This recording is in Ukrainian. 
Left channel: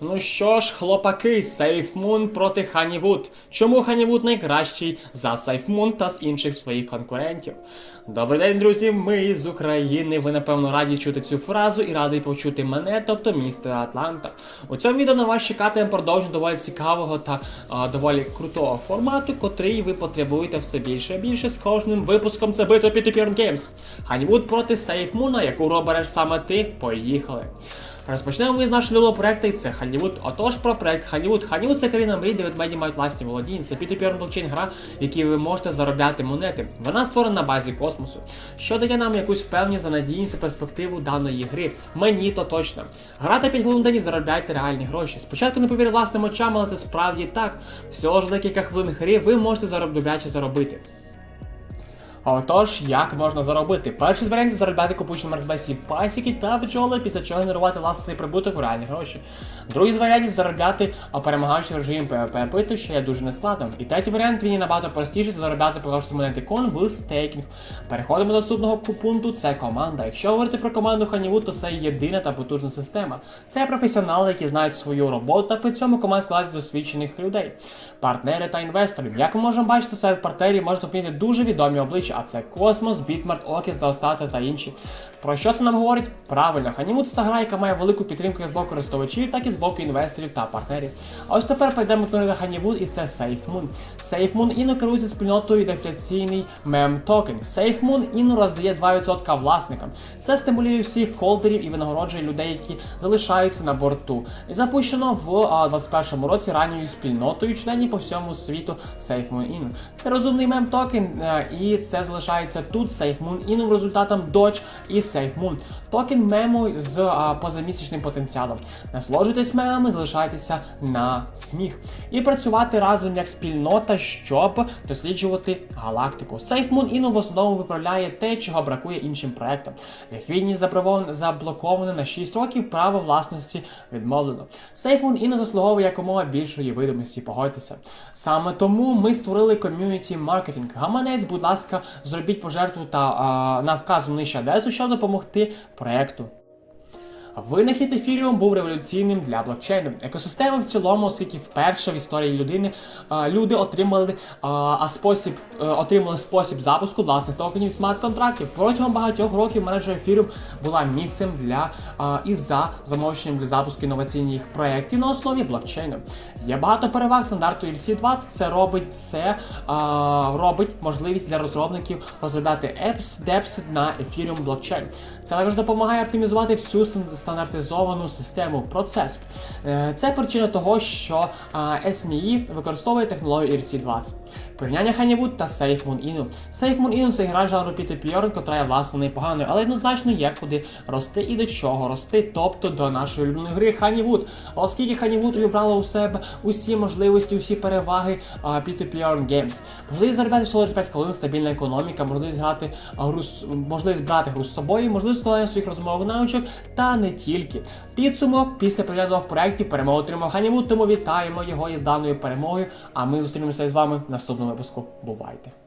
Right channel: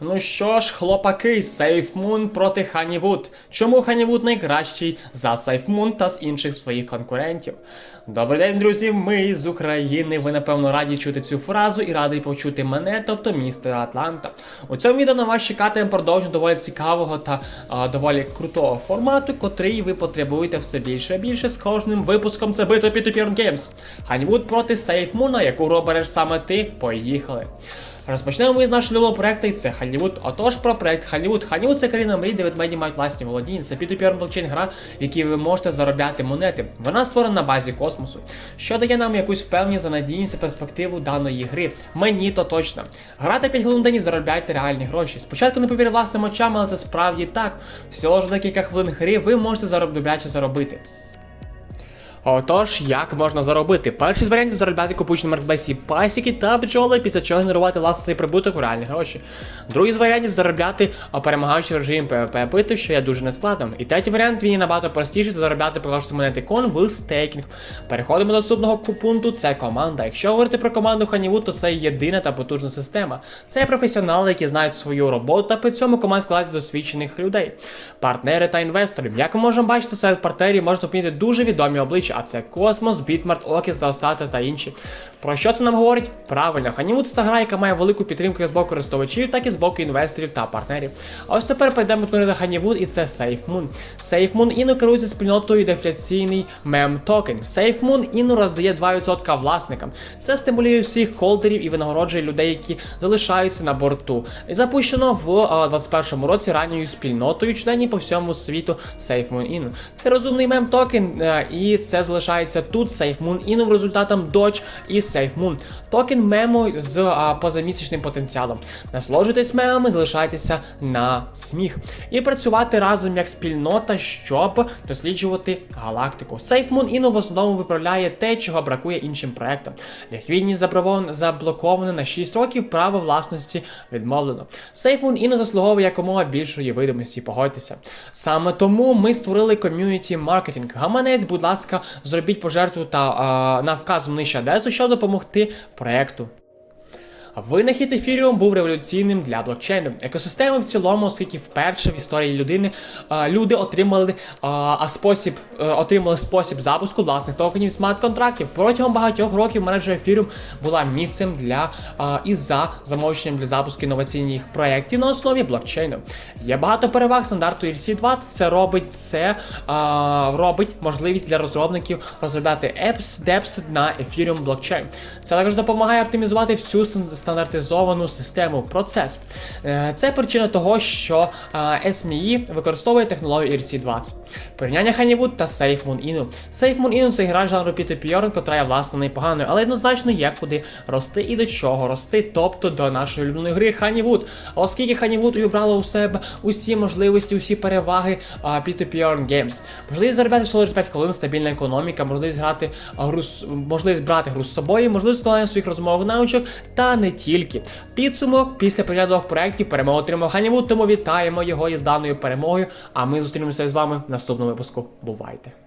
Ну що ж, хлопаки, SafeMoon проти Honeywood. Чому Honeywood найкращий за SafeMoon та з інших своїх конкурентів? Добрий день, друзі! Ми з України. Ви напевно раді чути цю фразу і радий почути мене, тобто місто Атланта. У цьому відео на вас чекатиме продовження доволі цікавого та а, доволі крутого формату, котрий ви потребуєте все більше і більше з кожним випуском. Це битва P2P Games. Honeywood проти SafeMoon, яку робереш саме ти. Поїхали! Розпочнемо ми з нашого нового проекту, і це Hollywood. Отож, про проект Hollywood. Hollywood – це країна мрій, де ведмеді мають власні володіння. Це P2P блокчейн гра, в якій ви можете заробляти монети. Вона створена на базі космосу, що дає нам якусь впевненість за надійність перспективу даної гри. Мені то точно. Грати 5 хвилин в день і заробляйте реальні гроші. Спочатку не повірю власним очам, але це справді так. Всього ж декілька хвилин гри ви можете заробляти заробити. Отож, як можна заробити? Перший з варіантів заробляти купуючи на маркетплейсі пасіки та бджоли, після чого генерувати власне цей прибуток у реальні гроші. Другий з варіантів заробляти, перемагаючи режим PvP битв, що є дуже нескладним. І третій варіант він є набагато простіший заробляти просто монети кон в стейкінг. Переходимо до наступного пункту, це команда. Якщо говорити про команду Honeywood, то це єдина та потужна система. Це професіонали, які знають свою роботу, та при цьому команда складається досвідчених людей, партнери та інвесторів. Як ми можемо бачити, серед партнерів можна помітити дуже відомі обличчя, а це Космос, Бітмарт, Окіс, Заостати та інші. Про що це нам говорить? Правильно, Honeywood це гра, яка має велику підтримку як з боку користувачів, так і з боку інвесторів та партнерів. А ось тепер перейдемо до Honeywood і це SafeMoon. SafeMoon іно керується спільнотою дефляційний мем токен. SafeMoon іно роздає 2% власникам. Це стимулює всіх холдерів і винагороджує людей, які залишаються на борту. Запущено в а, 21 році ранньою спільнотою членів по всьому світу SafeMoon Inno. Це розумний мем токен, е, і це залишається тут SafeMoon Inno результатом Dodge і SafeMoon. Токен мему з а, позамісячним потенціалом. Насолоджуйтесь мемами, залишайтеся на сміх. І працювати разом як спільнота, щоб досліджувати галактику. SafeMoon Inno в основному виправляє те, чого бракує іншим проектам. Ліквідність заблокована на 6 років, право власності відмовлено. SafeMoon Inno заслуговує якомога більшої видимості, погодьтеся. Саме тому ми створили ком'юніті маркетинг. Гаманець, будь ласка, зробіть пожертву та а, на вказану нижче адресу, щоб допомогти проекту. Винахід ефіріум був революційним для блокчейну. Екосистеми в цілому, оскільки вперше в історії людини люди отримали а, а спосіб е, отримали спосіб запуску власних токенів смарт-контрактів. Протягом багатьох років мережа ефіріум була місцем для і за замовченням для запуску інноваційних проєктів на основі блокчейну. Є багато переваг стандарту ERC-20. Це робить це робить можливість для розробників розробляти apps, DEPS на Ethereum блокчейн. Це також допомагає оптимізувати всю стандартизовану систему процес. Е, Це причина того, що SME використовує технологію ERC-20. Порівняння Honeywood та SafeMoon Inno. SafeMoon Inno це гра жанру P2P, котра є власне непоганою, але однозначно є куди рости і до чого рости, тобто до нашої улюбленої гри Honeywood. Оскільки Honeywood увібрала у себе усі можливості, усі переваги а, P2P Games. Можливість заробляти всього лише 5 хвилин, стабільна економіка, можливість грати гру, можливість брати гру з собою, можливість складання своїх розмовних навичок, та не тільки. Підсумок після перегляду двох проєктів перемогу отримав Ганіву, тому вітаємо його із даною перемогою. А ми зустрінемося з вами в наступному випуску. Бувайте!